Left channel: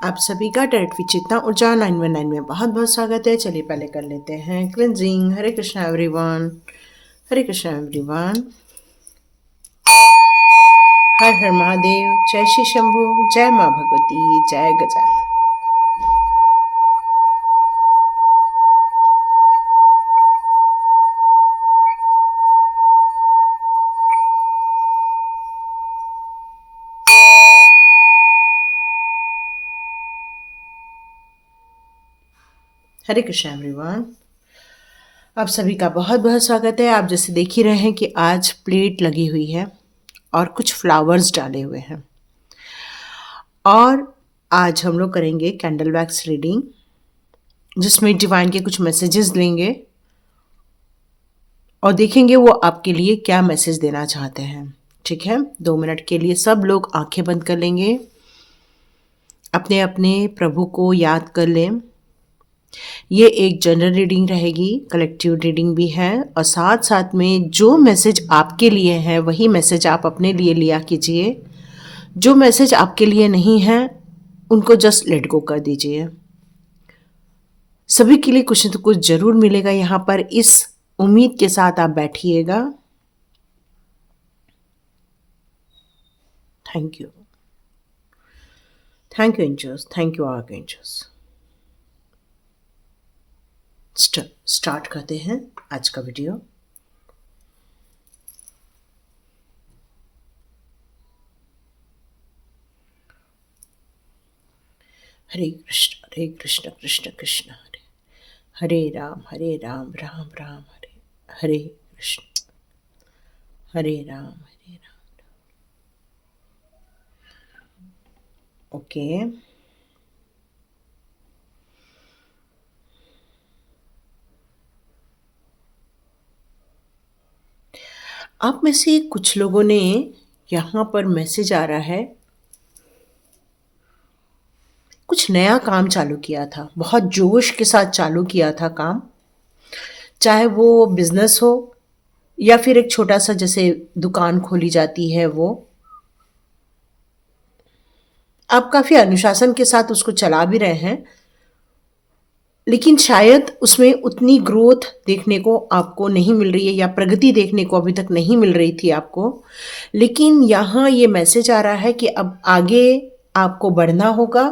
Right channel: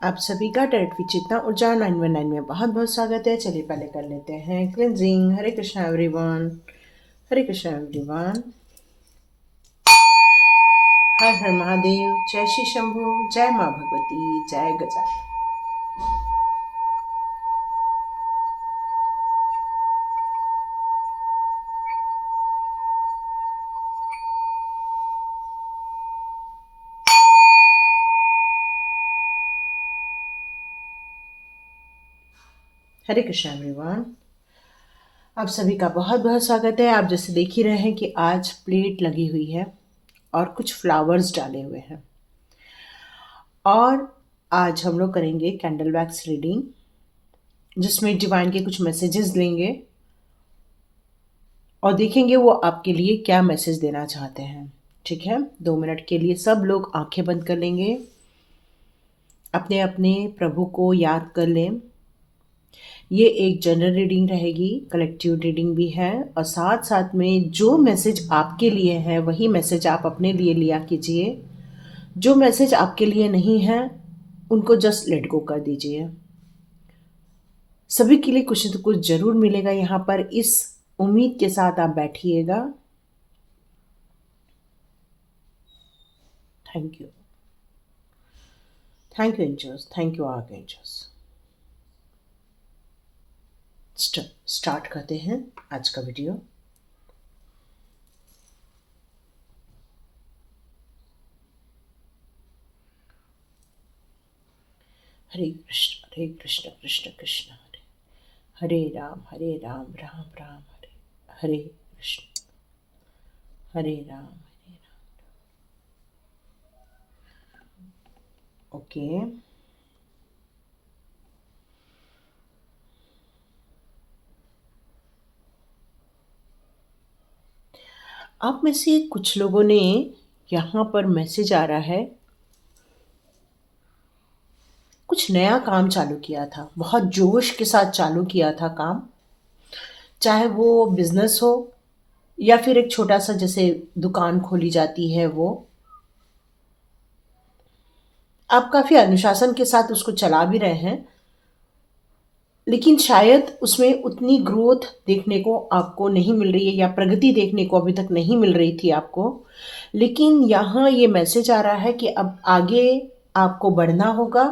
आप सभी का डायरेक्ट विचेतना ऊर्जा 919 में बहुत बहुत स्वागत है। चलिए पहले कर लेते हैं क्लिनजिंग। हरे कृष्णा एवरीवन, हरे कृष्णा एवरीवन। हर हर महादेव, जय श्री शंभू, जय माँ भगवती, जय गजानन। हरे कृष्णा एवरीवन, आप सभी का बहुत बहुत स्वागत है। आप जैसे देख ही रहे हैं कि आज प्लेट लगी हुई है और कुछ फ्लावर्स डाले हुए हैं। और आज हम लोग करेंगे कैंडल वैक्स रीडिंग, जिसमें डिवाइन के कुछ मैसेजेस लेंगे और देखेंगे वो आपके लिए क्या मैसेज देना चाहते हैं। ठीक है, 2 मिनट के लिए सब लोग आंखें बंद कर लेंगे, अपने अपने प्रभु को याद कर लें। ये एक जनरल रीडिंग रहेगी, कलेक्टिव रीडिंग भी है, और साथ साथ में जो मैसेज आपके लिए है वही मैसेज आप अपने लिए लिया कीजिए। जो मैसेज आपके लिए नहीं है उनको जस्ट लेट गो कर दीजिए। सभी के लिए कुछ न तो कुछ जरूर मिलेगा यहाँ पर, इस उम्मीद के साथ आप बैठिएगा। Thank you, thank you angels, thank you archangels. Start करते हैं आज का वीडियो। हरे कृष्ण कृष्ण कृष्ण हरे हरे राम राम राम हरे हरे कृष्ण हरे राम। ओके, आप में से कुछ लोगों ने यहाँ पर मैसेज आ रहा है, कुछ नया काम चालू किया था, बहुत जोश के साथ चालू किया था काम, चाहे वो बिजनेस हो या फिर एक छोटा सा जैसे दुकान खोली जाती है वो। आप काफ़ी अनुशासन के साथ उसको चला भी रहे हैं, लेकिन शायद उसमें उतनी ग्रोथ देखने को आपको नहीं मिल रही है या प्रगति देखने को अभी तक नहीं मिल रही थी आपको। लेकिन यहाँ ये मैसेज आ रहा है कि अब आगे आपको बढ़ना होगा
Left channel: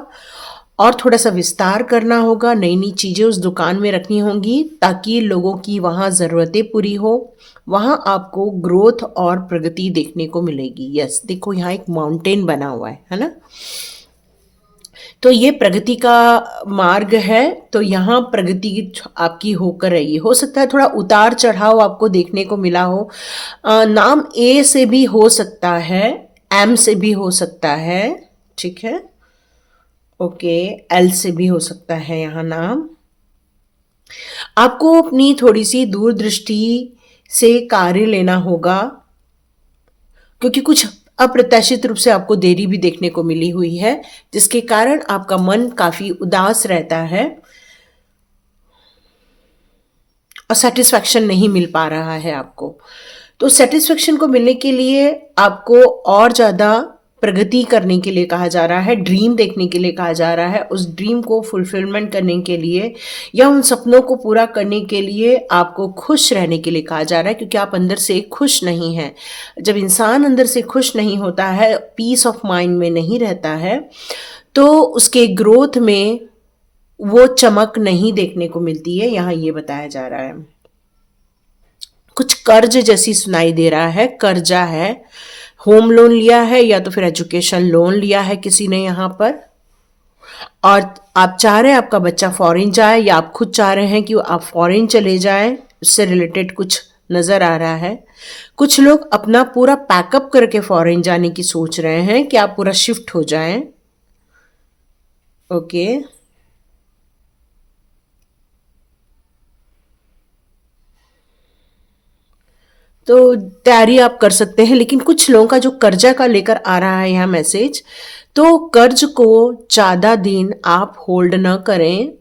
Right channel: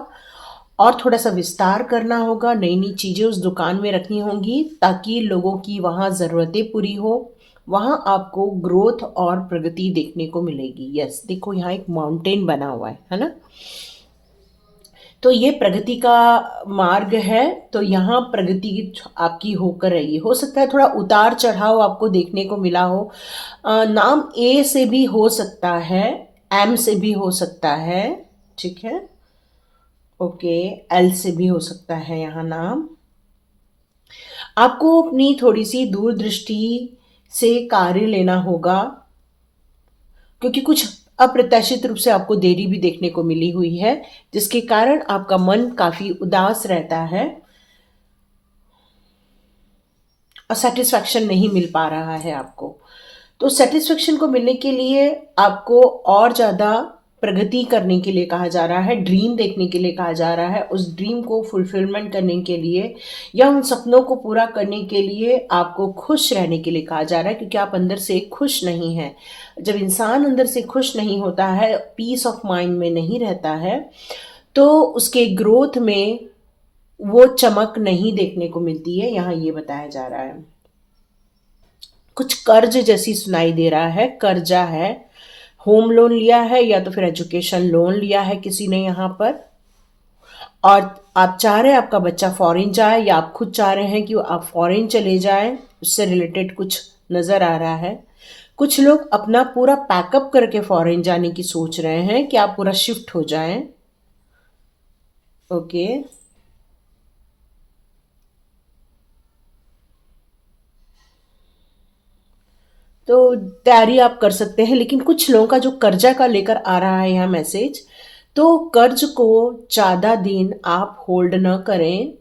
और थोड़ा सा विस्तार करना होगा, नई नई चीज़ें उस दुकान में रखनी होंगी ताकि लोगों की वहाँ ज़रूरतें पूरी हो, वहाँ आपको ग्रोथ और प्रगति देखने को मिलेगी। यस, देखो यहाँ एक माउंटेन बना हुआ है ना, तो ये प्रगति का मार्ग है। तो यहाँ प्रगति आपकी होकर रही, हो सकता है थोड़ा उतार चढ़ाव आपको देखने को मिला हो। नाम ए से भी हो सकता है, एम से भी हो सकता है, ठीक है, ओके, एल से भी हो सकता है यहाँ नाम। आपको अपनी थोड़ी सी दूरदृष्टि से कार्य लेना होगा, क्योंकि कुछ अप्रत्याशित रूप से आपको देरी भी देखने को मिली हुई है, जिसके कारण आपका मन काफी उदास रहता है और सेटिस्फैक्शन नहीं मिल पा रहा है आपको। तो सेटिस्फैक्शन को मिलने के लिए आपको और ज़्यादा प्रगति करने के लिए कहा जा रहा है, ड्रीम देखने के लिए कहा जा रहा है, उस ड्रीम को फुलफिलमेंट करने के लिए या उन सपनों को पूरा करने के लिए आपको खुश रहने के लिए कहा जा रहा है, क्योंकि आप अंदर से खुश नहीं हैं। जब इंसान अंदर से खुश नहीं होता है, पीस ऑफ माइंड में नहीं रहता है, तो उसके ग्रोथ में वो चमक नहीं देखने को मिलती है। यहाँ ये बताया जा रहा है, कुछ कर्ज जैसी सुनाई दे रहा है, कर्जा है, होम लोन लिया है या तो फिर एजुकेशन लोन लिया है किसी ने यहाँ पर, और आप चाह रहे हैं आपका बच्चा फॉरेन जाए या आप खुद चाह रहे हैं कि आप फॉरेन चले जाएं, उससे रिलेटेड कुछ नज़र आ रहा है। कुछ लोग अपना पूरा पैकअप करके फॉरेन जाने की सोच रहे हैं कि आप पूरा शिफ्ट हो जाएं। ओके, तो तैयारी आप कर सकते हैं। लेकिन कुछ लोगों का जो कर्जा का लेकर आ रहा है यहाँ मैसेज, तो कर्ज को ज़्यादा दिन आप होल्ड न करें,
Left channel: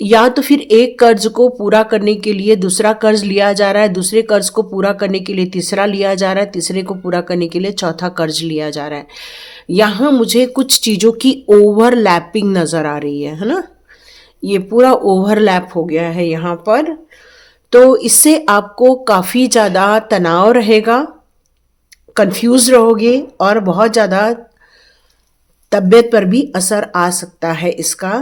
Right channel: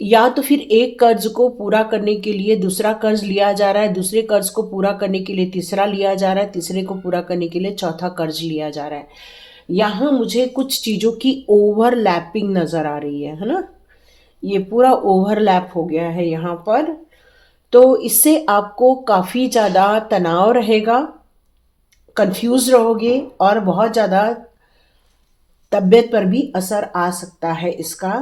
या तो फिर एक कर्ज को पूरा करने के लिए दूसरा कर्ज लिया जा रहा है, दूसरे कर्ज को पूरा करने के लिए तीसरा लिया जा रहा है, तीसरे को पूरा करने के लिए चौथा कर्ज लिया जा रहा है। यहाँ मुझे कुछ चीज़ों की ओवरलैपिंग नज़र आ रही है ना? ये पूरा ओवरलैप हो गया है यहाँ पर। तो इससे आपको काफ़ी ज़्यादा तनाव रहेगा, कंफ्यूज रहोगे और बहुत ज़्यादा तबीयत पर भी असर आ सकता है इसका।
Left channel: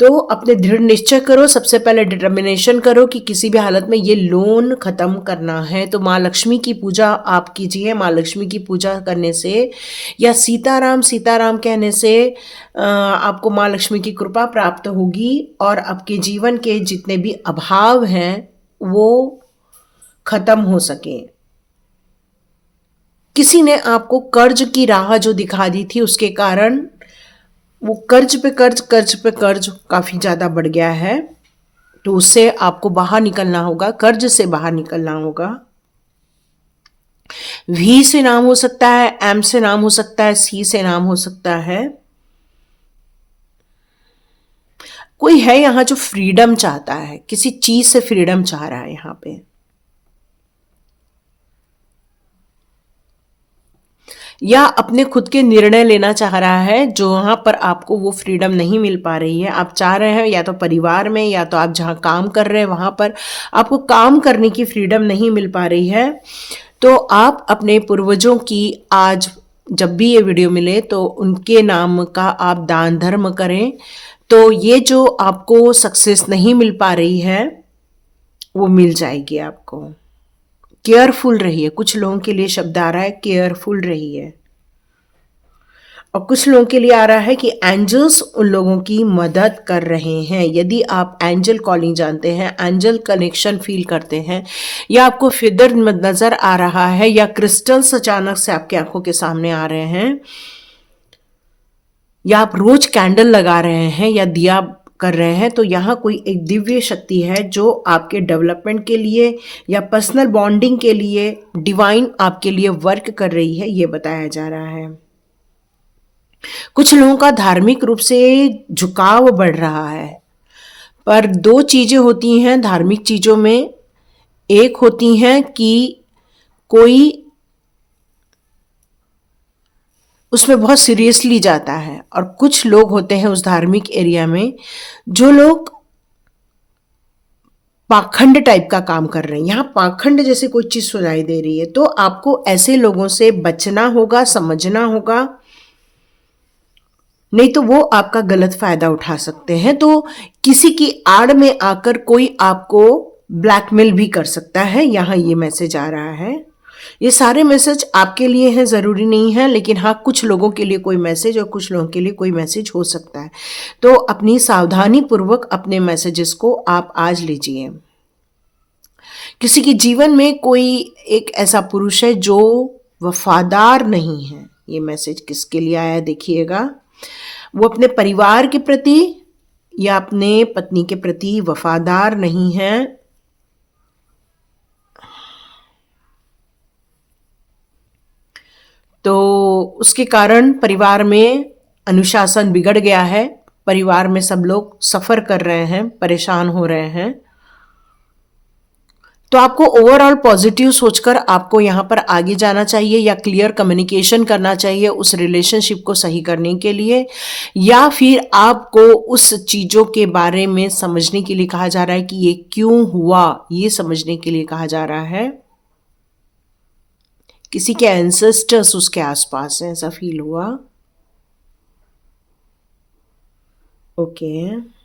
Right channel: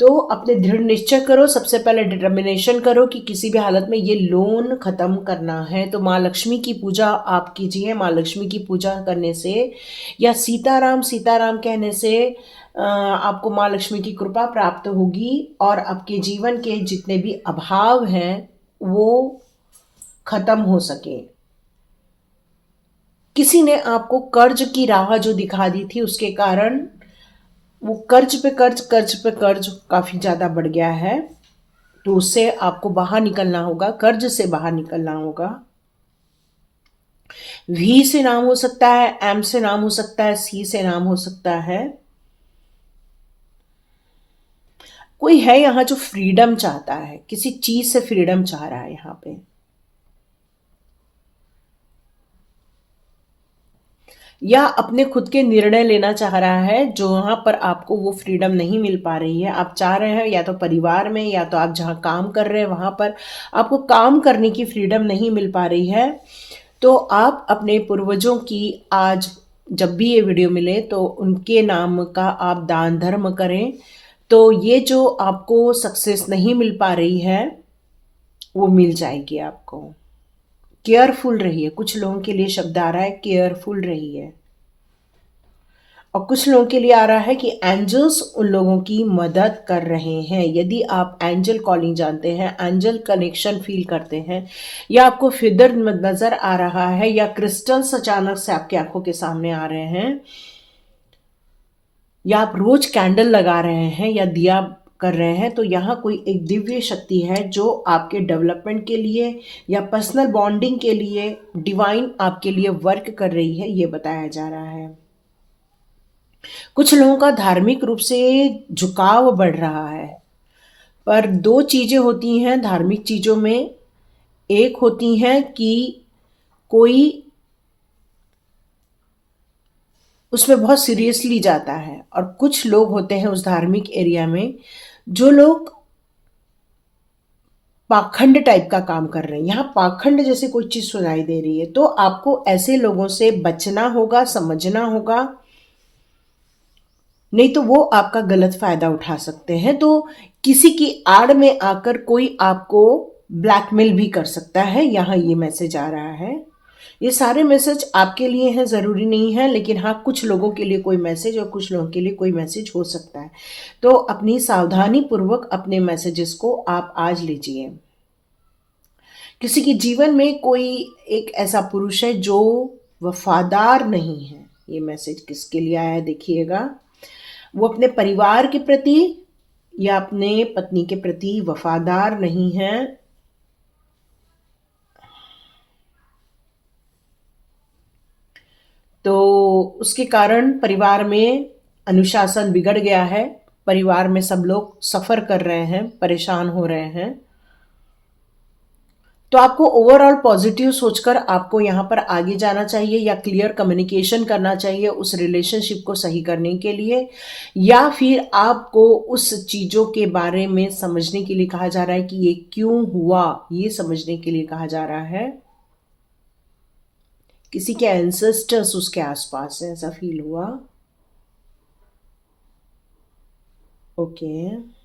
तो अपने दृढ़ निश्चय करो, सबसे पहले डिटर्मिनेशन करो कि किसी भी हालत में ये लोन ख़त्म करना है। तो माँ लक्ष्मी की पूजा आप कीजिए। माँ लक्ष्मी की पूजा करने से या सीताराम सीताराम कहने से आपको माँ लक्ष्मी की कृपा प्राप्त होगी और आपके जीवन के जितने भी अभाव हैं वो ख़त्म हो सके। किसी ने आपको कर्ज की राह जो दिखा दी थी उसके कारण वो कर्ज पे कर्ज कर्ज पे कर्ज काफ़ी ज़्यादा बढ़ गया है। तो उससे आपको बाहर निकलना होगा, कर्ज से बाहर निकलना होगा। वी से नाम हो सकता है, एम से नाम हो सकता है, सी से नाम हो सकता है। कोई है यहाँ जो फ्रीडम चाहता है, किसी चीज से फ्रीडम चाह रहा है यहाँ पे। या अपने खुद के निर्णय लेना चाह रहा है जो वहाँ पर आपको वो फ्रीडम नहीं मिल पा रही है। आप चाह रहे हैं या तो परिवार में या तो आप जहाँ काम कर रहे हैं वहाँ पर आपको काम करने की फ्रीडम नहीं मिल पा रही है। तो आप अपने पूर्वजों की आज जब भी ये वीडियो मिले तो उनके नाम का आप दान धर्म करें। तो ये जो आपको सक्सेस नहीं मिल पा रही है वो मिल जाएगी आपको। केयरफुल रहिए। कुछ लोगों के लिए शब्द आ रहा है केयरफुल रहिए, और कुछ लोगों के लिए आ रहा है कि एंजल्स उन लोगों की मदद कर रहे हैं। यदि आप एंजल कॉलिंग जानते हैं, एंजल कनेक्शन फील करते हैं, या आपको फिदर नजर आ रहा है, या क्रिस्टल्स अचानक से आपकी आंखों के सामने आ रहे हैं, या आप रोज कैंडल लगा रहे हैं या दिया कर रहे हैं, तो यहाँ कोई एक दिव्य शक्ति है जो आपके डेवलपमेंट के लिए या पर्सनल बॉन्डिंग के लिए डिवाइन आपके लिए वर्क कर रही है, ये बताया जा रहा है। कुछ लोगों का धार्मिक रूप से झुकाव बढ़ रहा है, पर दो चीजें होती हैं धार्मिक चीजों में। एक होती हैं कि कोई उसमें बहुत सीरियसली जाता है, और कुछ लोग होते हैं उस धार्मिक एरिया में जो लोग पाखंड टाइप का काम कर रहे हैं। यहाँ पाखंड जैसे कोई चीज सुनाई दे रही है, तो आपको ऐसे लोगों से बचना होगा, समझना होगा, नहीं तो वो आपका गलत फायदा उठा सकते हैं। तो किसी की आड़ में आकर कोई आपको ब्लैकमेल भी कर सकता है, यहाँ ये मैसेज आ रहा है। ये सारे मैसेज आपके लिए हैं, ज़रूरी नहीं है, लेकिन हाँ कुछ लोगों के लिए कोई मैसेज और कुछ लोगों के लिए कोई मैसेज हो सकता है। तो अपनी सावधानी पूर्वक अपने मैसेजेस को आप आज लीजिए। किसी के जीवन में कोई एक ऐसा पुरुष है जो वफादार नहीं है। ये मैसेज किसके लिए आया देखिएगा। वो अपने परिवार के प्रति या अपने पत्नी के प्रति वफादार नहीं है। तो उसके कारण परिवार में अनुशासन बिगड़ गया है। परिवार में सब लोग सफ़र कर रहे हैं, परेशान हो रहे हैं। तो आपको ओवरऑल पॉजिटिव सोचकर आपको यहाँ पर आगे जाना चाहिए, या क्लियर कम्युनिकेशन करना चाहिए उस रिलेशनशिप को सही करने के लिए, या फिर आपको उस चीज़ों के बारे में समझने के लिए कहा जा रहा है कि ये क्यों हुआ, ये समझने के लिए कहा जा रहा है। किसी के एंसेस्टर्स उसके आसपास हैं, ऐसा फील हुआ। ओके,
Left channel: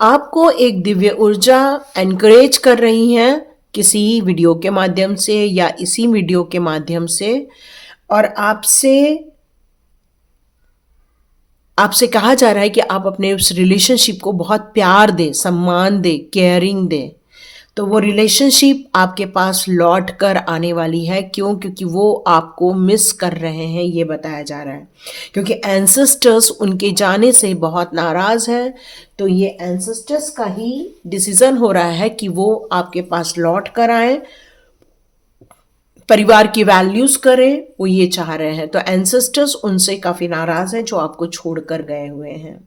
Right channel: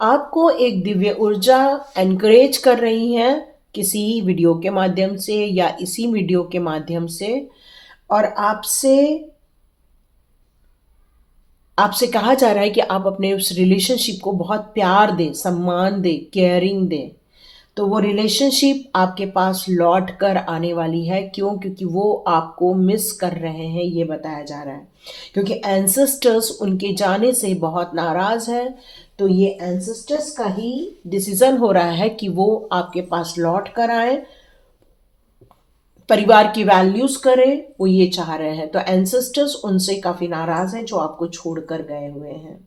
आपको एक दिव्य ऊर्जा एनकरेज कर रही है किसी वीडियो के माध्यम से या इसी वीडियो के माध्यम से, और आपसे कहा जा रहा है कि आप अपने उस रिलेशनशिप को बहुत प्यार दें, सम्मान दें, केयरिंग दें। तो वो रिलेशनशिप आपके पास लौट कर आने वाली है। क्यों? क्योंकि वो आपको मिस कर रहे हैं, ये बताया जा रहा है। क्योंकि एंसेस्टर्स उनके जाने से बहुत नाराज हैं। तो ये एंसेस्टर्स का ही डिसीजन हो रहा है कि वो आपके पास लौट कर आए, परिवार की वैल्यूज करें, वो ये चाह रहे हैं। तो एंसेस्टर्स उनसे काफी नाराज हैं जो आपको छोड़कर गए हुए हैं।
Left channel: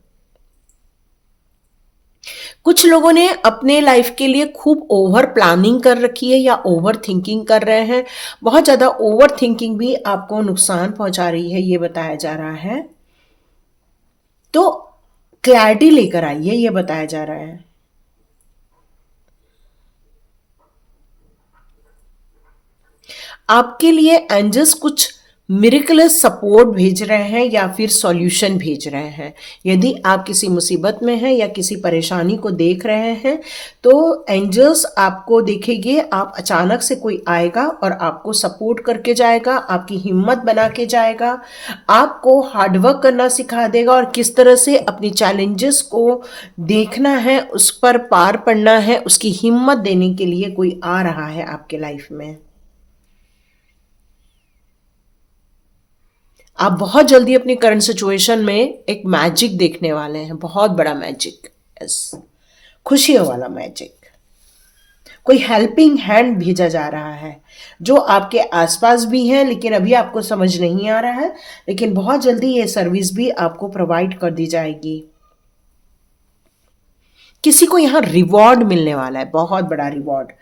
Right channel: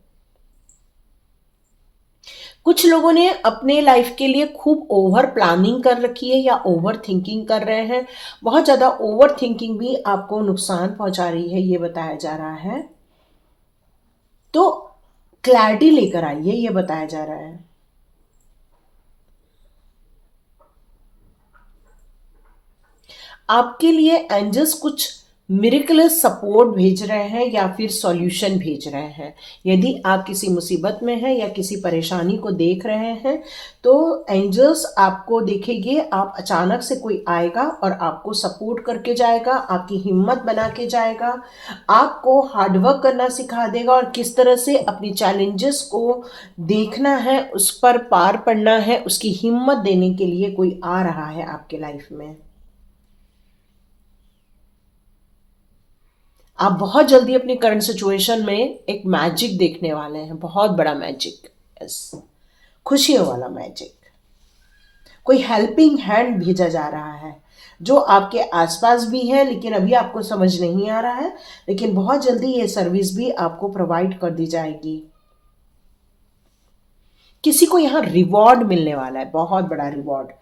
कुछ लोगों ने अपने लाइफ के लिए खूब ओवर प्लानिंग कर रखी है या ओवर थिंकिंग कर रहे हैं। बहुत ज़्यादा ओवर थिंकिंग भी आपको नुकसान पहुंचा रही है, ये बताया जा रहा है। तो क्लैरिटी लेकर आइए, ये बताया जा रहा है। आपके लिए एंजल्स कुछ मिरेकलस सपोर्ट भेज रहे हैं या फिर सॉल्यूशन भेज रहे हैं। यदि आप किसी मुसीबत में हैं या किसी परेशानी को देख रहे हैं, तो एंजल्स आपको देखेंगे, आप अचानक से कोई आएगा और आपको सपोर्ट करके जाएगा, आपकी हिम्मत बना के जाएगा, आपको हार्डवर्क करना सिखा देगा और किस तरह से अपनी चैलेंजेस को देखना है, उस पर पार पड़ना है, उसकी हिम्मत देने के लिए कोई आ रहा है आपके लाइफ में। आप बहुत जल्दी अपनी करंट सिचुएशन में एक मैजिक देखने वाले हैं, बहुत बड़ा मैजिक। यस, खुशियों वाला मैजिक। कोई हेल्पिंग हैंड भेजा जा रहा है जो आपके आसपास भी है, लेकिन अभी आपको समझ नहीं आ रहा है, लेकिन बहुत जल्दी ये सर्विस भी आपको प्रोवाइड कर दी जाएगी। किसी को यहाँ रिवॉर्ड मिलने वाला है, बहुत बड़ा रिवॉर्ड।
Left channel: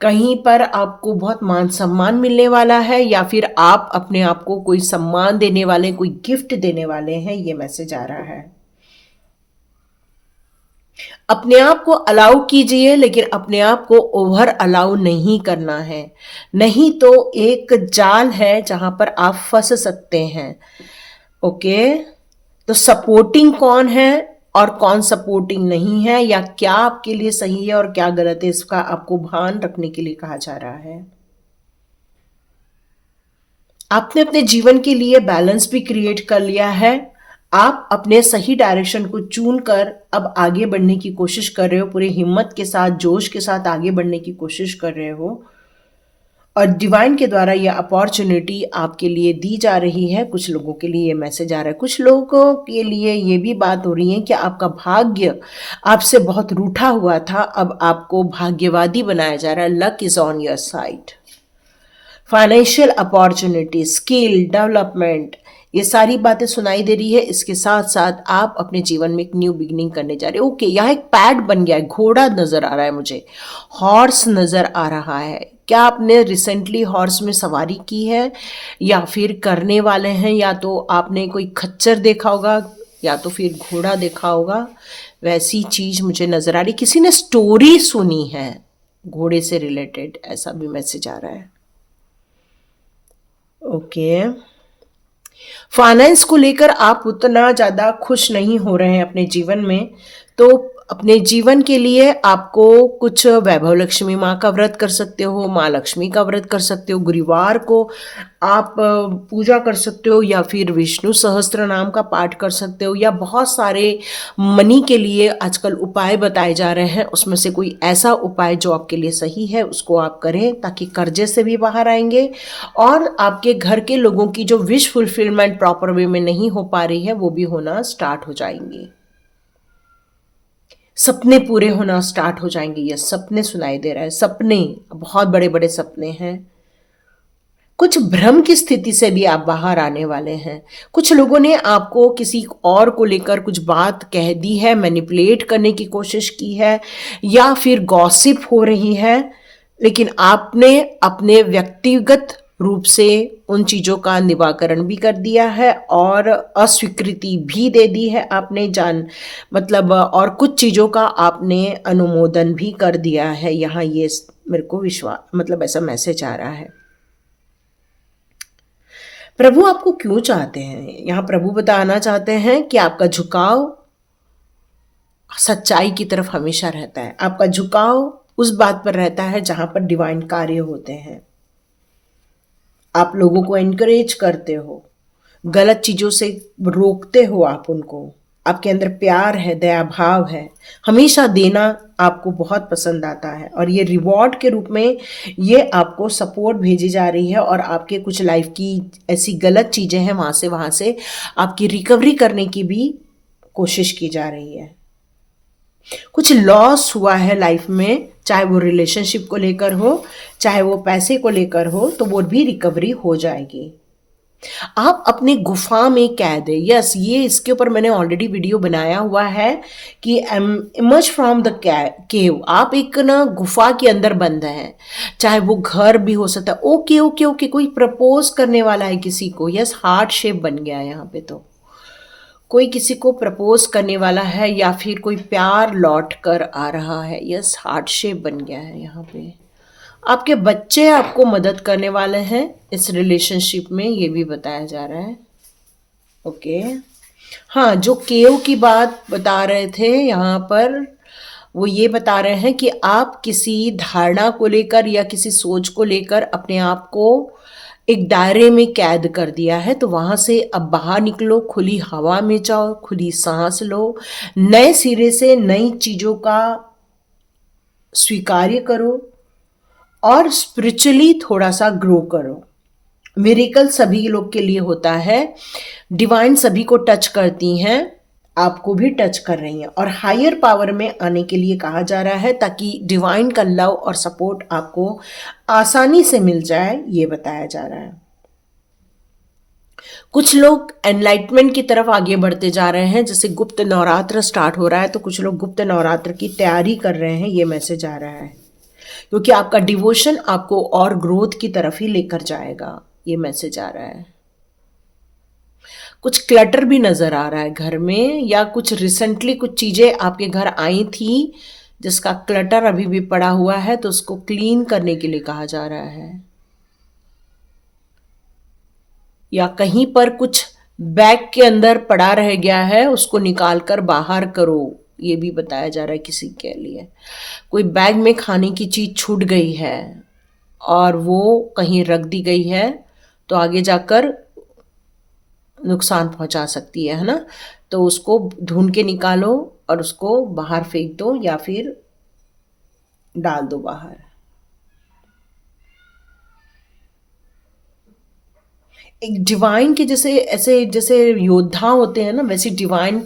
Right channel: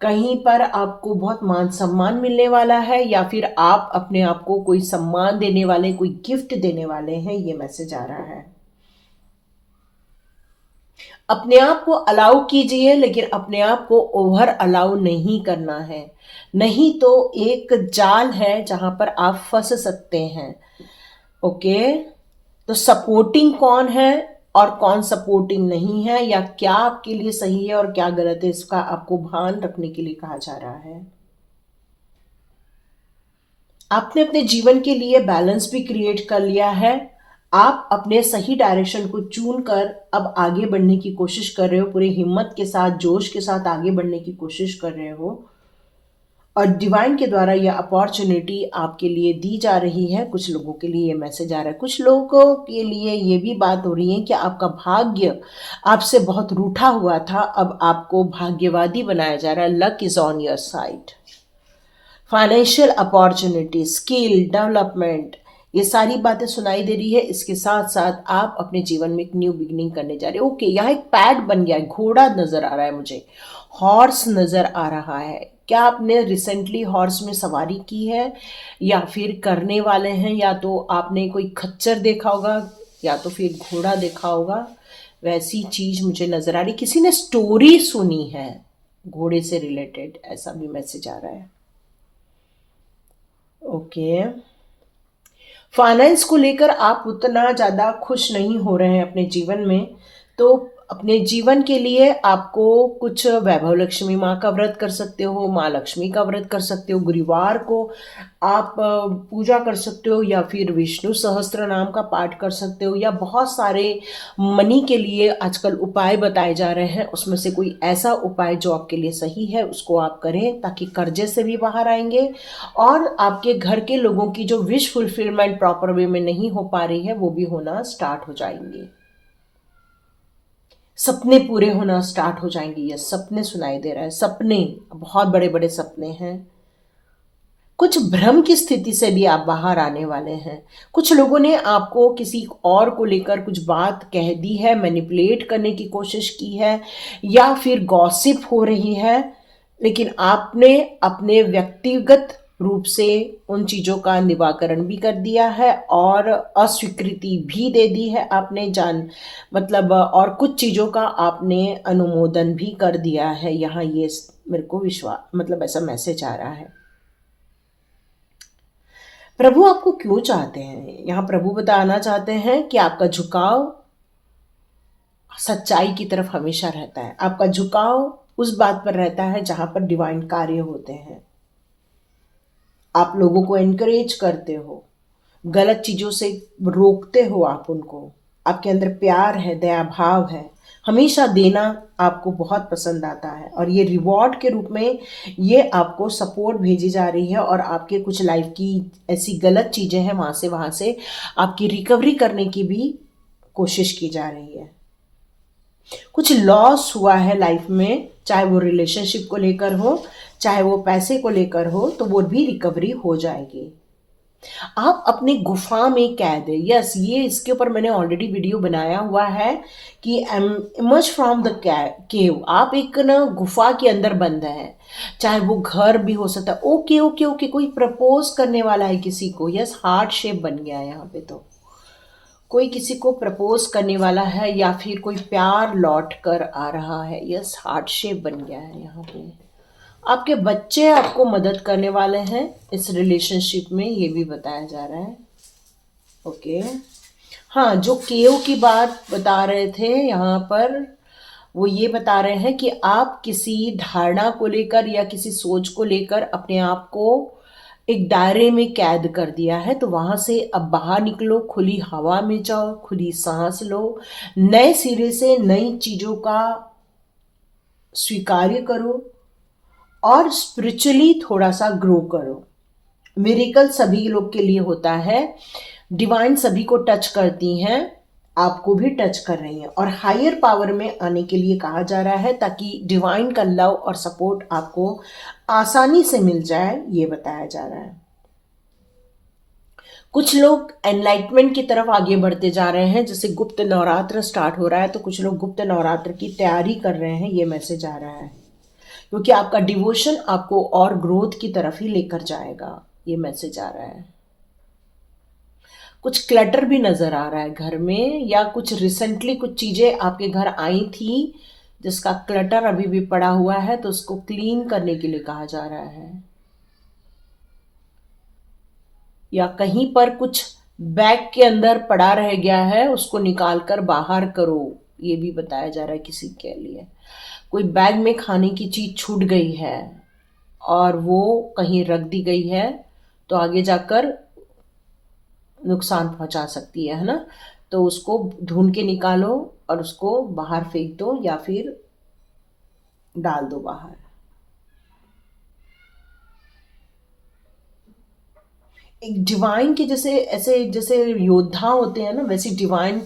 कहीं पर आपको बहुत मान सम्मान मिलने वाला है या फिर आप अपने आप को कोई सम्मान देने वाले, कोई गिफ्ट देने वाले हैं, ये मैसेज आ रहा है। अपने आप को अलाउ कीजिए, लेकिन अपने आप को ओवर अलाउ नहीं करना है, नहीं तो एक जाल है जहां पर आप फंस सकते हैं। ओके, तो सपोर्टिंग कौन है और कौन सपोर्टिंग नहीं है, या क्या आपके लिए सही है और क्या गलत है, इसका आपको भान रखने के लिए कहा जा रहा है। आपने अपने जीवन के लिए बैलेंस भी क्रिएट कर लिया है। आप अपने सही डायरेक्शन को चुन कर अब आगे बढ़ने की कोशिश कर रहे हो, पूरी हिम्मत के साथ, जोश के साथ आगे बढ़ने की कोशिश कर रहे हो, और डिवाइन के द्वारा यह अपॉर्चुनिटी आपके लिए दी जा रही है। कुछ लोगों के लिए ये मैसेज आ रहा है, कुछ लोगों के लिए ये भी बात हो रही है कि आपका भाग्य आपसे बहुत रूठा हुआ था, अब आपको भाग्यवादी बनाया जा रहा है। Luck is on your side. Financial opportunity, skill development, ये सारी बातें सुनाई दे रही है। इसके साथ साथ आप अपने जीवन में एक न्यू बिगिनिंग करने जा रहे हो। ओके, यहाँ एक पैड बन गया है, घोड़ा नजर आ रहा है मुझे, हॉर्स नजर आ रहा है। क्या आपने रिसेंटली हॉर्स में सवारी की है या फिर करने वाले हैं, या तो आपने कोई खच्चर देखा होगा या तो फिर घोड़ा देखा होगा, वैसी चीज मुझे नजर आ रही। किसी ने स्टोरी सुनी है घोड़े से रिलेटेड, ऐसा भी मैसेज आ रहा है। ओके, फाइनेंस को लेकर आप उतना ज़्यादा खुश नहीं हो रहे हैं अपने जीवन में, तो अपने जीवन के लिए आपको कुछ वैभव लक्ष्मी माँ का व्रत कर सकते हो, माँ लक्ष्मी का व्रत कर सकते हो, गुरुवार को आप पूजा कर सकते हो, या फिर विष्णु सहस्त्र नाम का पाठ कर सकते हो, या बहुत सारे मनी के लिए आजकल उपाय बताए जा रहे हैं, उसमें से कोई ऐसा उपाय जो आपके लिए सही है उसको आप करें, ताकि कर्जे से भी बाहर आएंगे और आपके घर के लोगों की जो विश फुलफिलमेंट प्रॉपर वे में नहीं हो पा रही है वो भी होना स्टार्ट हो जाएंगी। सपने पूरे होना स्टार्ट हो जाएंगे। ये सपने सुनाई दे रहा है, सपने, बहुत बड़े बड़े सपने हैं। कुछ भ्रम की स्थिति से भी आप बाहर आने वाले हैं। कुछ लोगों ने आपको किसी और को लेकर कुछ बात कह दी है, मैनिपुलेट करने की कोशिश की है, या फिर गॉसिप हो रही है, लेकिन आपने अपने व्यक्तिगत रूप से उन चीज़ों का निवारण भी कर दिया है और अस्वीकृति भी दे दी है आपने, जान मतलब, और कुछ चीज़ों का आपने अनुमोदन भी कर दिया है। यहाँ ये मेरे को विश्वास, मतलब ऐसा मैसेज आ रहा है। प्रभु आपको क्यों चाहते हैं, यहाँ प्रभु बताना चाहते हैं कि आपका झुकाव सच्चाई की तरफ हमेशा रहता है। आपका झुकाव उस बात पर रहता है जहां पर डिवाइन कार्य होते हैं। आप लोगों को एनकरेज करते हो, गलत चीज़ों से रोकते हो आप उनको, आपके अंदर प्यार है, दया भाव है, हमेशा देना आपको बहुत पसंद आता है, और ये रिवॉर्ड के रूप में ये आपको सपोर्ट भेजी जा रही है, और आपके कुछ लाइफ की ऐसी गलत चीज़ें हैं वहाँ से आपकी रिकवरी करने की भी कोशिश की जा रही है। कुछ लॉस हुआ है लाइफ में, चाहे वो रिलेशनशिप को लेकर हो, चाहे वो पैसे को लेकर हो, तो वो भी रिकवरी हो जाएगी। आप अपनी गुफा में कैद है। यस, ये इसके ऊपर मैंने ऑलरेडी वीडियो बनाया हुआ है कि इमर्ज फ्रॉम द केव। आप एक ना गुफा के अंदर बंद हैं, चाहे वो घर भी हो सकता है। ओके ओके ओके, कोई प्रपोज करने वाला है किसी को। यस, हार्ट शेप बन गया है यहाँ पे। तो कोई किसी को प्रपोज करने वाला है या फिर कोई प्यार लौट कर आ रहा है। यस, हार्ट शेप बन गया है यहाँ पे। आपके बच्चे आपको मदद करने वाले हैं इस रिलेशनशिप में, ये भी बताया जा रहा है। ओके, हाँ, जो केव की बात बता रहे थे यहाँ पर, वो ये बता रहे हैं कि आप किसी धारणा को लेकर या किसी सोच को लेकर अपने आप को एक दायरे में कैद कर दिया है। तो वहां से अब बाहर निकलो, खुली हवा में जाओ, खुली सांस लो, नए सिरे से नई चीजों का स्वीकार्य करो और स्पिरिचुअली थोड़ा सा ग्रो करो। मिरेकल सभी लोग के लिए होता है, डिवाइन सभी को टच करती हैं, आपको भी टच कर रही हैं और हायर पावर में आने के लिए कहा जा रहा है ताकि डिवाइन का लव और सपोर्ट आपको आसानी से मिल जाए, ये बताया जा रहा है। कुछ लोग एनलाइटमेंट की तरफ आगे बढ़ते जा रहे हैं, जैसे गुप्त नवरात्र स्टार्ट हो रहा है तो कुछ लोग गुप्त नवरात्र की तैयारी कर रहे हैं, ये मैसेज आ रहा है, क्योंकि आपका डिवोशन आपको और ग्रोथ की तरफ ही लेकर जाएगा, ये मैसेज आ रहा है। कुछ क्लटर भी नजर आ रहा है घर में, या कुछ रिसेंटली कुछ चीजें आपके घर आई थी जिसका क्लटर अभी भी पड़ा हुआ है, तो उसको क्लीन करने के लिए कहा जा रहा है। या कहीं पर कुछ बैग के अंदर पड़ा रह गया है, उसको निकाल कर बाहर करो, ये भी बताया जा रहा है किसी के लिए। कोई बैग में खाने की चीज छूट गई है और वो कहीं रख दी गई है, तो आगे जाकर नुकसान पहुंचा सकती है ना। तो उसको ढूंढ के निकालो और उसको बाहर फेंक दो या फिर डाल दो बाहर। एक डिवाइन के जैसे, ऐसे जैसे योद्धा होते हैं ना, वैसे डिवाइन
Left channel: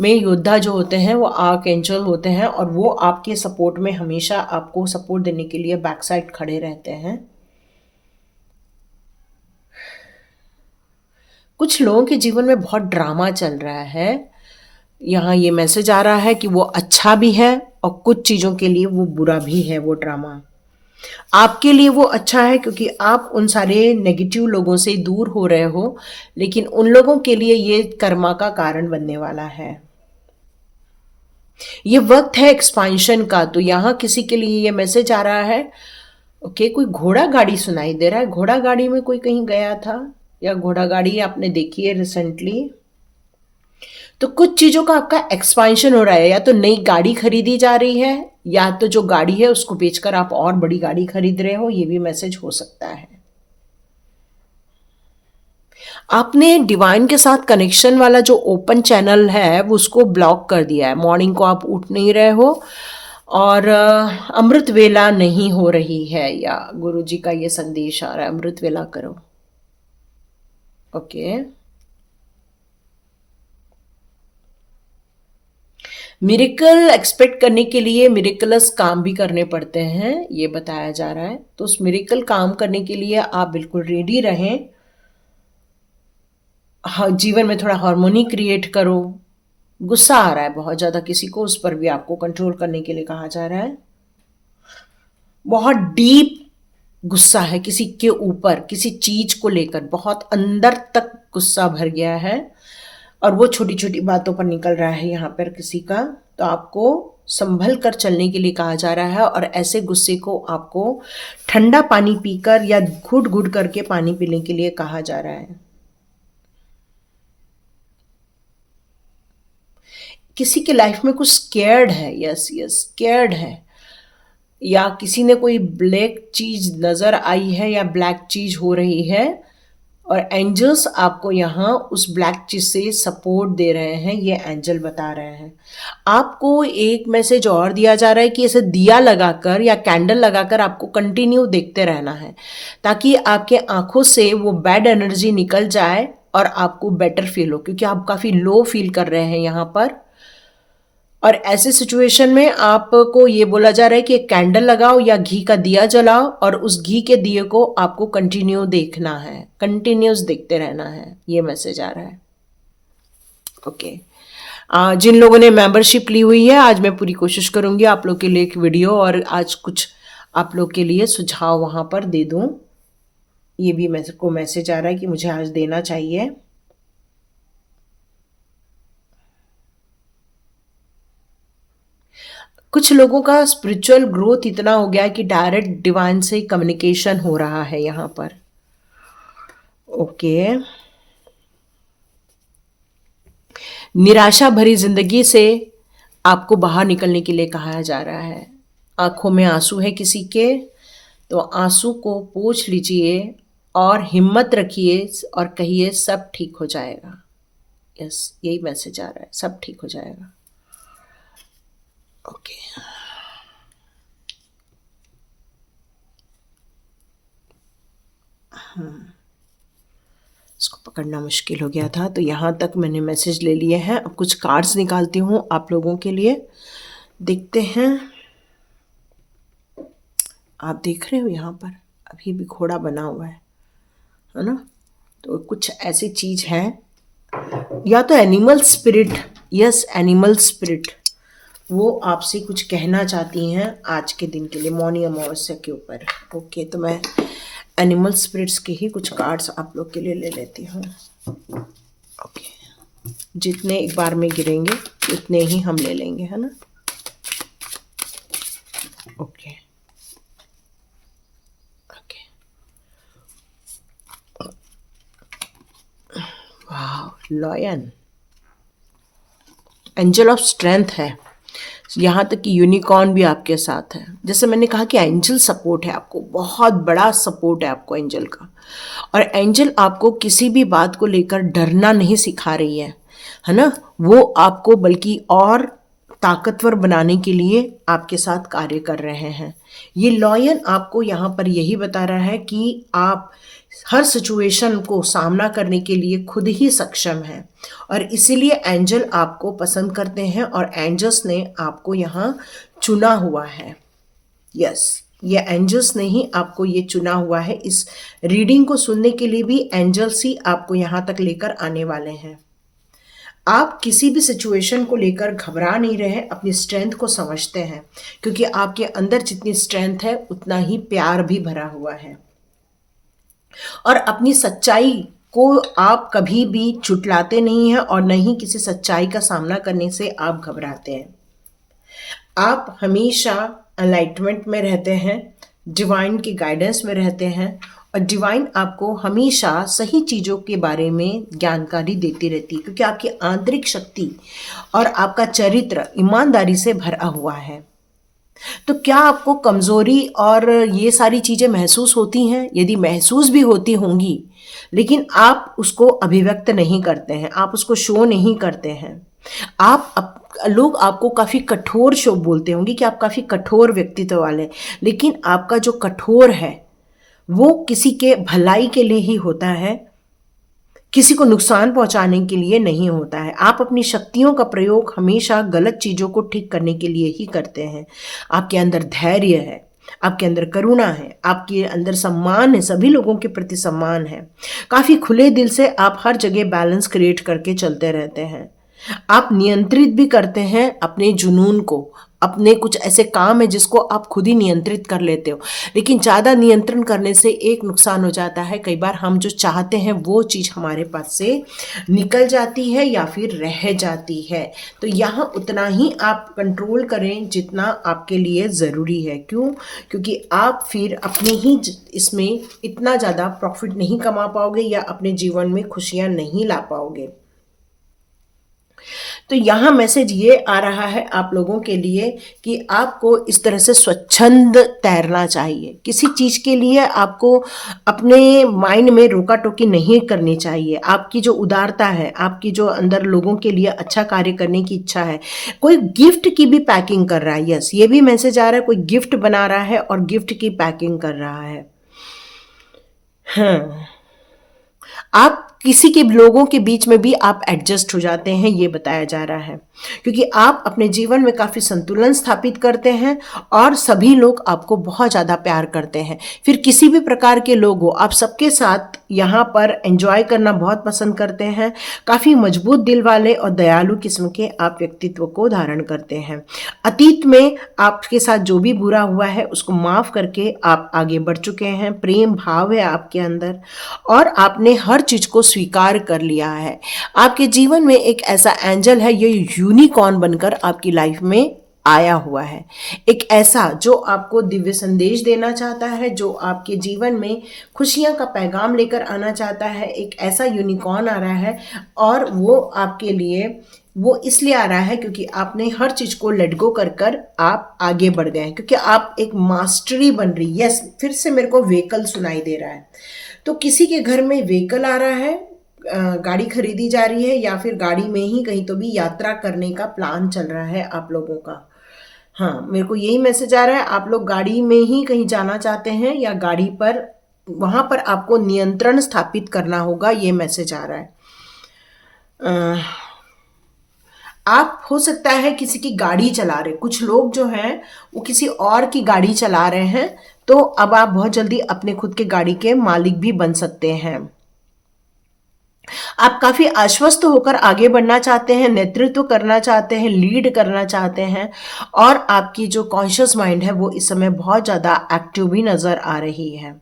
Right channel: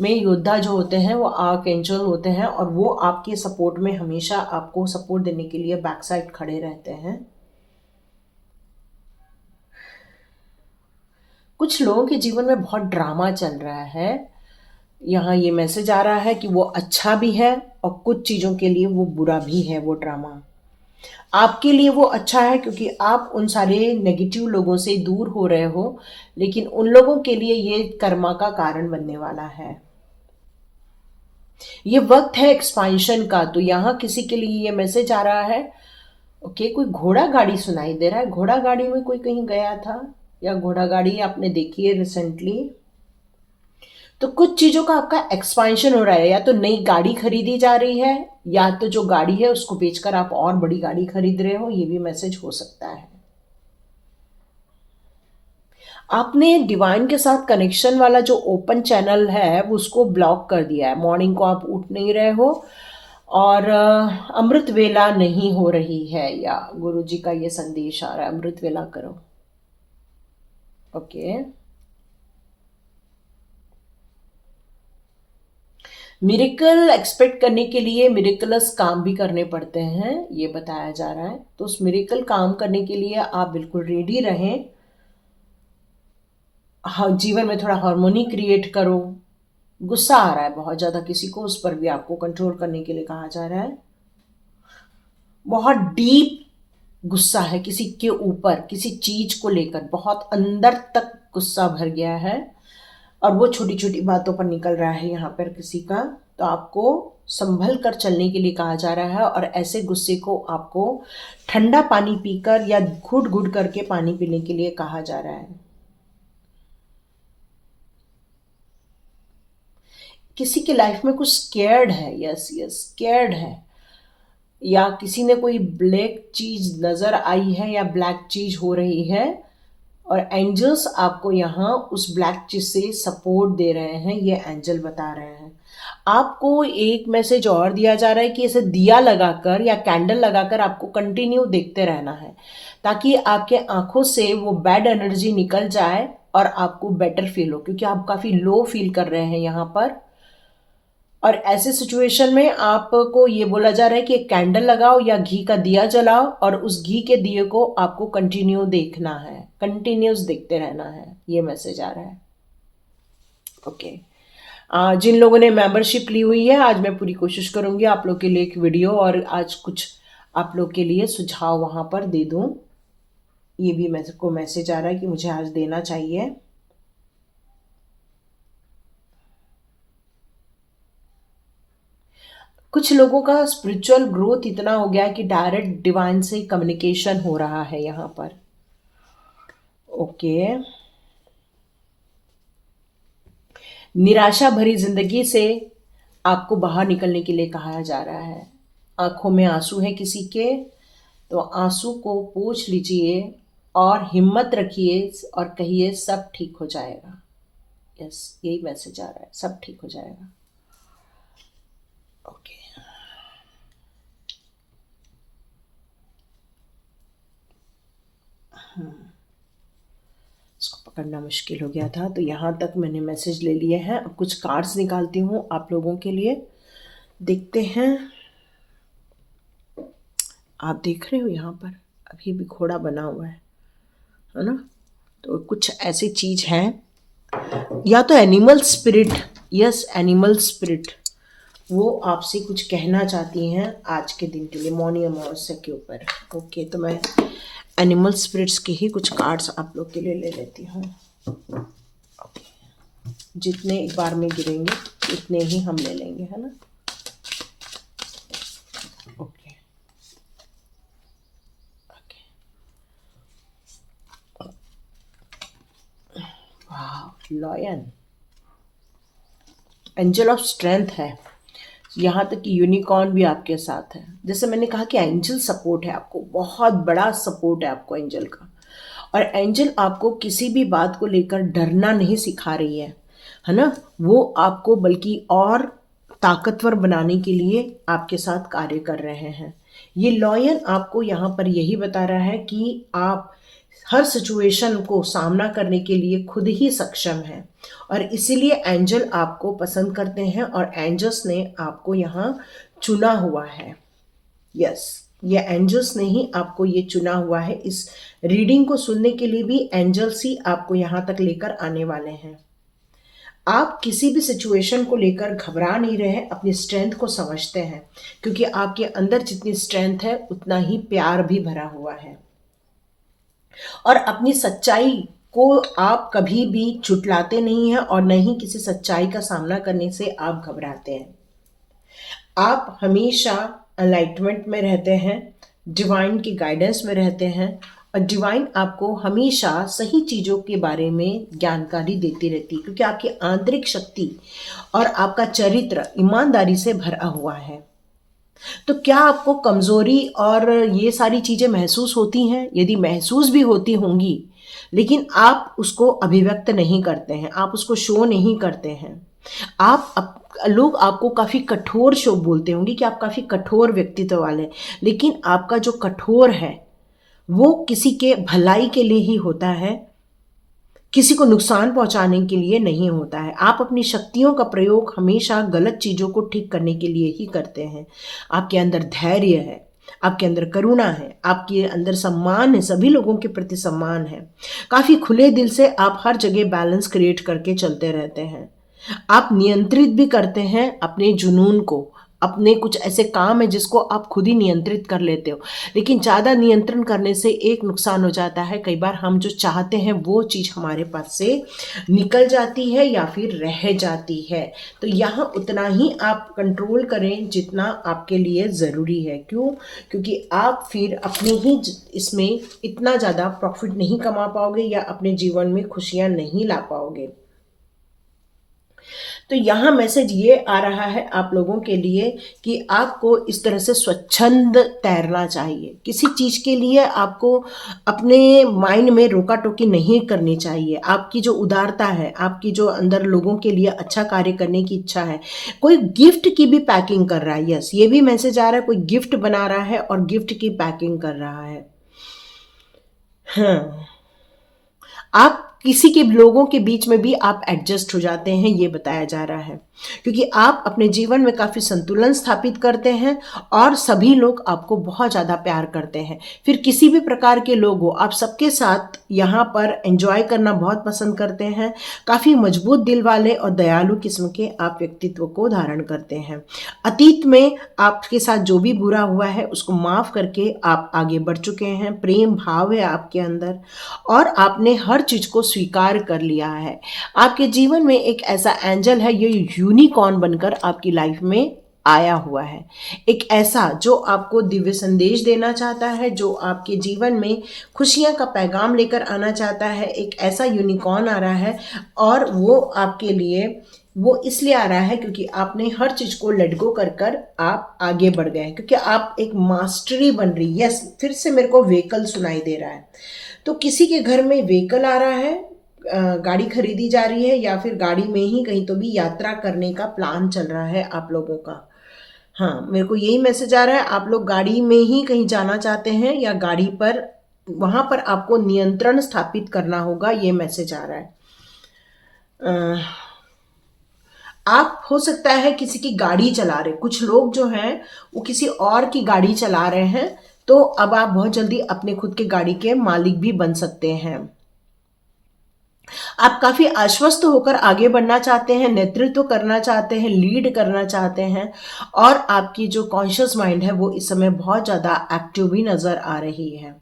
में योद्धा जो होते हैं वो आर्क एंजल होते हैं और वो आपके सपोर्ट में हमेशा आपको सपोर्ट देने के लिए बैक साइड खड़े रहते हैं। कुछ लोगों के जीवन में बहुत ड्रामा चल रहा है, यहाँ ये मैसेज आ रहा है कि वो अच्छा भी है और कुछ चीज़ों के लिए वो बुरा भी है। वो ड्रामा आपके लिए वो अच्छा है क्योंकि आप उन सारे नेगेटिव लोगों से दूर हो रहे हो, लेकिन उन लोगों के लिए ये कर्मा का कारण बनने वाला है। ये वक्त है एक्सपांशन का, तो यहाँ किसी के लिए ये मैसेज आ रहा है। ओके, कोई घोड़ा गाड़ी सुनाई दे रहा है, घोड़ा गाड़ी में कोई कहीं गया था या घोड़ा गाड़ी आपने देखी है रिसेंटली। तो कुछ चीजों का आपका एक्सपांशन हो रहा है, या तो नई गाड़ी खरीदी जा रही है या तो जो गाड़ी है उसको बेचकर आप और बड़ी गाड़ी खरीद रहे हो, ये भी मैसेज हो सकता है। आपने डिवाइन के साथ कनेक्शन वाला जो ओपन चैनल है वो उसको ब्लॉक कर दिया है। मॉर्निंग को आप उठ नहीं रहे हो और अमृत वेला नहीं हो रही है, या गुरुजी का ये संदेश आ रहा है अमृत वेला करो। ओके, मिरेकल एक्सपेक्ट करने के लिए मिरेकलस काम भी करने पड़ते हैं, ये बताया जा रहा है। तो उस मिरेकल काम करने के लिए आप बिल्कुल रेडी रहें। हाँ, जीवन में थोड़ा हार्मोनी क्रिएट करो। गुस्सा आ रहा है बहुत ज़्यादा किसी को, उस पर भी आपको कंट्रोल करने के लिए कहा जा रहा है। बहुत डीप गुस्सा है किसी के ऊपर, किसी चीज को लेकर बहुत अंदर तक गुस्सा भर गया है और वो छोटी छोटी बातों पर निकल रहा है यहाँ पर किसी का। तो आपको संभल कर चलने के लिए कहा जा रहा है और ऐसे गुस्से को आपको ठंडा पानी पीकर या घुट घुट करके पानी पीने के लिए कहा जा रहा है। किसी के लाइफ में कुछ स्केर्ड है, यस यस स्केर्ड है, या किसी ने कोई ब्लैक चीज नजर आई है या ब्लैक चीज हो रही है और एंजल्स आपको यहाँ उस ब्लैक चीज से सपोर्ट दे रहे हैं, ये एंजल बता रहे हैं। आपको एक मैसेज और दिया जा रहा है कि ऐसे दिया लगाकर या कैंडल लगाकर आपको कंटिन्यू देखते रहना है ताकि आपके आंखों से वो बैड एनर्जी निकल जाए और आपको बेटर फील हो, क्योंकि आप काफी लो फील कर रहे हैं यहाँ पर। और ऐसे सिचुएशन में आपको ये बोला जा रहा है कि एक कैंडल लगाओ या घी का दिया जलाओ और उस घी के दिए को आपको कंटिन्यू देखना है, कंटिन्यूस देखते रहना है, ये मैसेज आ रहा है। ओके। जिन लोगों ने मेंबरशिप ली हुई है, आज मैं पूरी कोशिश करूंगी आप लोग के लिए एक वीडियो और आज कुछ आप लोग के लिए सुझाव वहां पर दे दूं। ये भी को मैसेज आ रहा है कि मुझे आज देना चाहिए। कुछ लोगों का स्पिरिचुअल ग्रोथ इतना हो गया है कि डायरेक्ट डिवाइन से कम्युनिकेशन हो रहा है यहाँ पर। ओके। निराशा भरी जिंदगी से आपको बाहर निकलने के लिए कहा जा रहा है। आंखों में आंसू है किसी के, तो आंसू को पोंछ लीजिए और हिम्मत रखिए और कहिए सब ठीक हो जाएगा। यस, यही मैसेज आ रहा है, सब ठीक हो जाएगा। ओके। इसको पकड़ना मुश्किल हो गया था, तो यहाँ तक मैंने मैसेज ले लिए हैं। अब कुछ कार्ड्स निकालती हूँ आप लोगों के लिए, देखते हैं। आप देख रहे हो यहाँ पर अभी भी घोड़ा बना हुआ है ना? तो कुछ ऐसी चीज है, या तो animal spirit, yes animal spirit, वो आपसे कुछ कहना चाहती हैं आज के दिन के लिए, मौनी अमावस्या के ऊपर। ओके, तो मैं एनिमल स्पिरिट्स के ही कुछ कार्ड्स आप लोग के लिए ले लेती हूँ। ओके, जितने एक बार में गिरेंगे उतने ही हम ले लेंगे, है ना? Okay okay. वाह, लॉयन, एंजल ऑफ स्ट्रेंथ है, यहाँ तक कि यूनिकॉर्न भी आपके साथ है। जैसे मैंने कहा कि एंजल सपोर्ट है आपको, बहुत बड़ा सपोर्ट है आपको एंजल का। और एंजल आपको किसी भी बात को लेकर डरना नहीं सिखा रही है ना? वो आपको बल्कि और ताकतवर बनाने के लिए आपके साथ कार्य कर रहे हैं। ये लॉयन आपको यहाँ पर यही बता रहा है कि आप हर सिचुएशन को सामना करने के लिए खुद ही सक्षम हैं और इसीलिए एंजल आपको पसंद करते हैं और एंजल्स ने आपको यहाँ चुना हुआ है। यस, ये एंजल्स ने ही आपको ये चुना हुआ है। इस रीडिंग को सुनने के लिए भी एंजल्स ही आपको यहाँ तक लेकर आने वाले हैं। आप किसी भी सिचुएशन को लेकर घबरा नहीं रहे, अपनी स्ट्रेंथ को समझते हैं, क्योंकि आपके अंदर जितनी स्ट्रेंथ है उतना ही प्यार भी भरा हुआ है। और अपनी सच्चाई को आप कभी भी झुटलाते नहीं हैं और न ही किसी सच्चाई का सामना करने से आप घबराते हैं। आप हमेशा एनलाइटमेंट में रहते हैं, डिवाइन की गाइडेंस में रहते हैं और डिवाइन आपको हमेशा सही चीज़ों के बारे में जानकारी देती रहती है, क्योंकि आपकी आंतरिक शक्ति और आपका चरित्र ईमानदारी से भरा हुआ है। तो क्या आपको कमज़ोरी और ये सारी चीज़ें महसूस होती हैं? यदि महसूस भी होती होंगी, लेकिन आप उसको अभिव्यक्त नहीं करते हैं, आप उसको शो नहीं करते हैं। लोग आपको काफ़ी कठोर शो बोलते होंगे कि आप काफ़ी कठोर व्यक्तित्व वाले, लेकिन आपका जो कठोर है वो किसी के भलाई के लिए ही होता है, किसी को नुकसान पहुंचाने के लिए नहीं होता है। आप अपनी शक्तियों का प्रयोग हमेशा गलत चीज़ों को ठीक करने के लिए ही करते हैं। आपके अंदर धैर्य है, आपके अंदर करुणा है, आपके अंदर सम्मान है, सभी लोगों के प्रति सम्मान है। काफ़ी खुले दिल से आप हर जगह बैलेंस क्रिएट करके चलते रहते हैं। आप नियंत्रित भी करते हैं अपने जुनून को। अपने कुछ ऐसे काम है जिसको आप खुद ही नियंत्रित कर लेते हो, लेकिन ज़्यादा नियंत्रण करने से एक नुकसान हो जाता है, कई बार हम जो चाहते हैं वो चीज़ हमारे पास से निकल जाती है या फिर रह जाती है। तो यहाँ उतना ही आप कंट्रोल करें जितना आपके लिए ज़रूरी है। क्यों? क्योंकि आप फिर अपने ही इसमें इतना ज़्यादा प्रॉफिट नहीं कमा पाओगे या अपने जीवन में खुशियाँ नहीं ला पाओगे। तो यहाँ मैसेज ये आ रहा है आप लोगों के लिए कि आपको इस तरह से स्वच्छंद तैरना चाहिए। किसी चीज़ के लिए आपको अपने माइंड में रोका टोकी नहीं करनी चाहिए। आपकी जो उदारता है, आपकी जो अंदर लोगों के लिए अच्छा कार्य करने की इच्छा है, कोई गिफ्ट की भी पैकिंग कर रहा है। यस, ये भी मैसेज आ रहा है, कोई गिफ्ट बना रहा है और गिफ्ट की पैकिंग कर रहा है। हाँ, आप किसी के लोगों के बीच में भी आप एडजस्ट हो जाते हैं, ये बताया जा रहा है, क्योंकि आप अपने जीवन में काफ़ी संतुलन स्थापित करते हैं और सभी लोग आपको बहुत ज़्यादा प्यार करते हैं। फिर किसी भी प्रकार के लोग हो, आप सबके साथ यहाँ पर एंजॉय करना बहुत पसंद करते हैं। काफ़ी मजबूत दिल वाले और दयालु किस्म के आप व्यक्तित्व को धारण करते हैं। अतीत में आपके साथ जो भी बुरा हुआ है उसको माफ़ करके आप आगे बढ़ चुके हैं। प्रेम भाव है आपके अंदर और आपने हर चीज़ को स्वीकार कर लिया है। आपके जीवन में एक ऐसा एंजल है, ये यूनिकॉर्न बनकर आपकी लाइफ में आया हुआ है। एक ऐसा जो आपको दिव्य संदेश देना चाहता है, जो आपके जीवन में खुशियां का पैगाम लेकर आना चाहता है। एक ऐसा यूनिकॉर्न आ रहा है और वो आपके लिए वो इसलिए आ रहा है क्योंकि आपने हर चीज़ को लेट गो कर कर आप आगे बढ़ गए हैं, क्योंकि आप एक मास्टरी बन रही है। यस, फिर से मेरे को व्हीकल सुनाई दे रहा है। तो किसी के घर में व्हीकल आ रहा है, गाड़ी खरीदी जा रही है या फिर गाड़ी में ही कहीं तो भी यात्रा करने का प्लान चल रहा है आप लोगों का। हाँ, मेरे को यही मैसेज आ रहा है, आप लोग गाड़ी में ही कहीं जाना चाहते हैं या गाड़ी पर वहाँ पर आपको नियंत्रण स्थापित करना होगा, ये मैसेज आ रहा है। आप हो सकता है किसी की गाड़ी चला रहे, कुछ लोग जो हैं वो किसी और की गाड़ी चला रहे हैं, तो अब आप बहुत जल्दी अपने खुद के गाड़ी के मालिक भी बन सकते हैं। आप काफ़ी आश्वस्त होकर आगे बढ़ना चाहते हैं, नेतृत्व करना चाहते हैं, लीड करना चाहते हैं और आपकी जो कॉन्शियस माइंड है वो इस समय बहुत ज़्यादा एक्टिव भी नज़र आ रही है।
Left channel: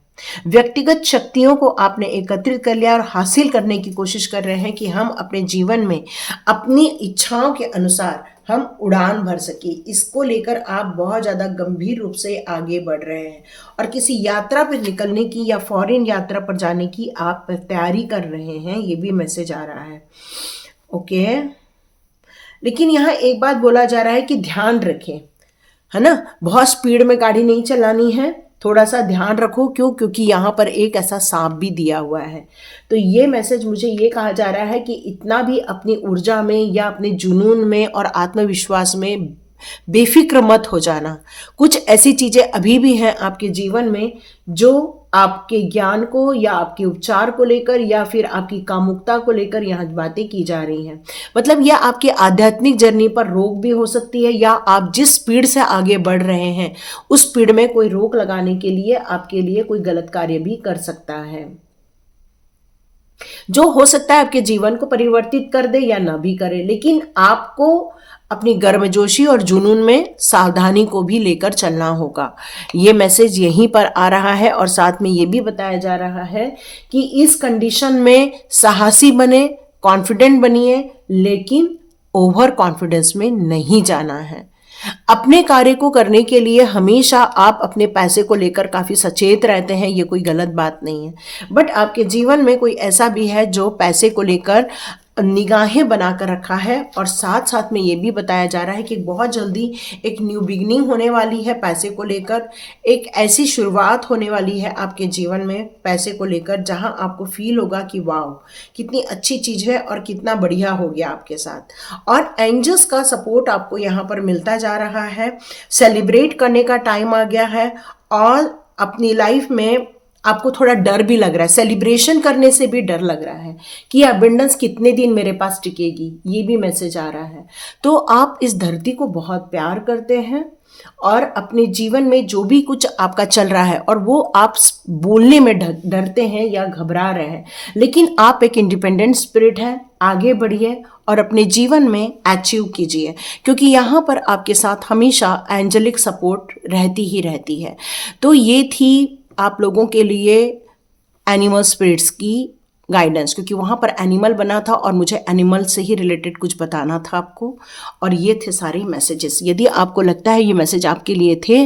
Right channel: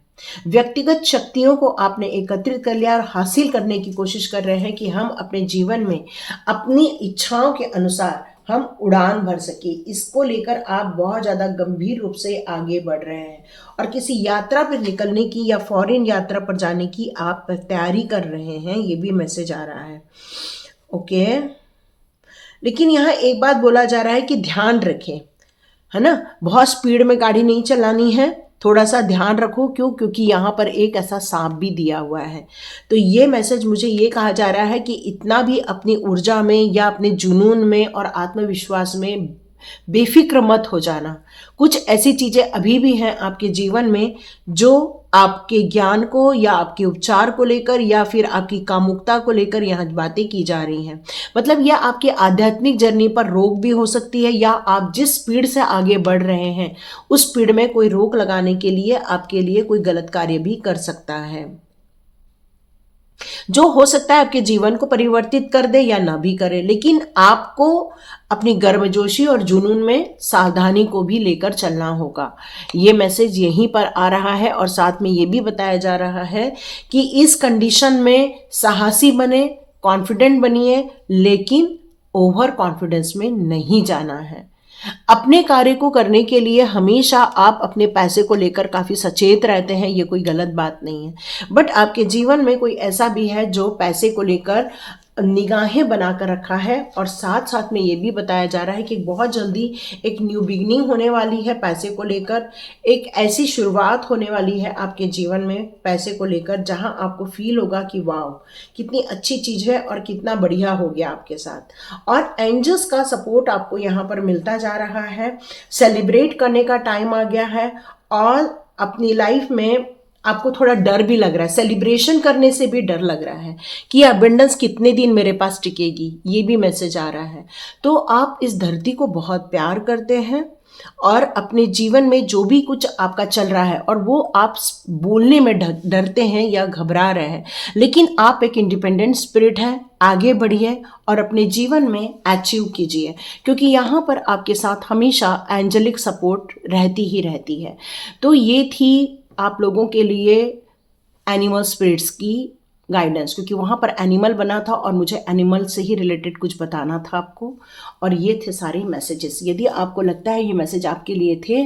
व्यक्तिगत शक्तियों को आपने एकत्रित कर लिया और हासिल करने की कोशिश कर रहे हैं कि हम अपने जीवन में अपनी इच्छाओं के अनुसार हम उड़ान भर सके। इसको लेकर आप बहुत ज़्यादा गंभीर रूप से आगे बढ़ रहे हैं और किसी यात्रा पर निकलने की या फॉरेन यात्रा पर जाने की आप तैयारी कर रहे हैं, ये भी मैसेज आ रहा है। ओके, लेकिन यहाँ एक बात बोला जा रहा है कि ध्यान रखें, है ना, बहुत स्पीड में गाड़ी नहीं चलानी है, थोड़ा सा ध्यान रखो। क्यों? क्योंकि यहाँ पर एक ऐसा सांप भी दिया हुआ है। तो ये मैसेज मुझे ये कहा जा रहा है कि इतना भी अपनी ऊर्जा में या अपने जुनून में और आत्मविश्वास में बेफिक्र मत हो जाना। कुछ ऐसी चीज़ें अभी भी हैं आपके जीवन में जो आपके ज्ञान को या आपके उपचार को लेकर या फिर आपकी कामुकता को लेकर यहाँ बातें की जा रही हैं। मतलब यह आपकी आध्यात्मिक जर्नी पर रोक भी हो सकती है या आप जिस स्पीड से आगे बढ़ रहे हैं उस स्पीड में कोई रोक लगाने के लिए आपके लिए कोई गलत कार्य भी कर सकता है, जो हो सकता है आपके जीवन को परिवर्तित कर दे या ना भी करे। लेकिन आपको अपनी गर्मजोशी और जुनून में सावधानी को भी लेकर चलना होगा। ये मैसेज यहीं पर आ रहा है और साथ में ये भी बताया जा रहा है कि इस कंडीशन में साहसी बने, कॉन्फिडेंट बनिए, लेकिन ओवर कॉन्फिडेंस में नहीं जाना है। अपने कार्य को करने के लिए हमेशा आप अपने पैसे को लेकर काफ़ी सचेत रहते हैं, ये कोई गलत बात नहीं है। बट आपके जीवन में कोई ऐसा भी है जो पैसे को लेकर निगाहें बनाकर रखा है और साथ साथ में ये भी बताया जा रहा है कि बहुत जल्दी एक न्यू बिगनिंग होने वाली है पैसे को लेकर। एक ऐसी शुरुआत होने वाली है आपके जीवन में पैसे को लेकर जहां आपको फील होगा कि वाह कितनी अच्छी चीज़ है और कितना बढ़िया हो गया आपके साथ। और एंजल्स का सपोर्ट आपको यहाँ पर मिलता जा रहा है। सेलिब्रेट करने का टाइम आ गया है और अपनी लाइफ में आपको थोड़ा डर भी लग रहा है, सेलिब्रेशन करने से भी डर लग रहा है कि अबंडेंस कितने दिन मेरे पास टिकेगी, ये भी मैसेज आ रहा है। तो आप इस धरती को बहुत प्यार करते हैं और अपने जीवन में जो भी कुछ आपका चल रहा है और वो आप बोलने में डरते हैं या घबरा रहे हैं, लेकिन आप एक इंडिपेंडेंट स्पिरिट है, आगे बढ़िए और अपने जीवन में अचीव कीजिए, क्योंकि यहाँ पर आपके साथ हमेशा एंजेलिक सपोर्ट रहती ही रहती है। तो ये थी आप लोगों के लिए एनिमल स्पिरिट्स की गाइडेंस, क्योंकि वहाँ पर एनिमल बना था और मुझे एनिमल से ही रिलेटेड कुछ बताना था आपको, और ये थे सारे मैसेजेस। यदि आपको लगता है ये मैसेज आपके लिए थे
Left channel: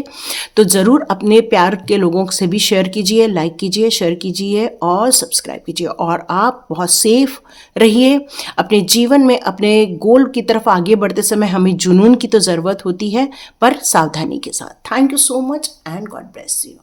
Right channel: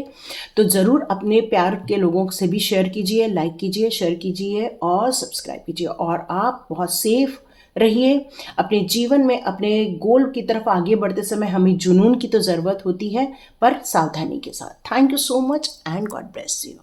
तो ज़रूर अपने प्यार के लोगों से भी शेयर कीजिए, लाइक कीजिए, शेयर कीजिए और सब्सक्राइब कीजिए। और आप बहुत सेफ रहिए अपने जीवन में। अपने गोल की तरफ आगे बढ़ते समय हमें जुनून की तो ज़रूरत होती है, पर सावधानी के साथ। Thank you so much and God bless you.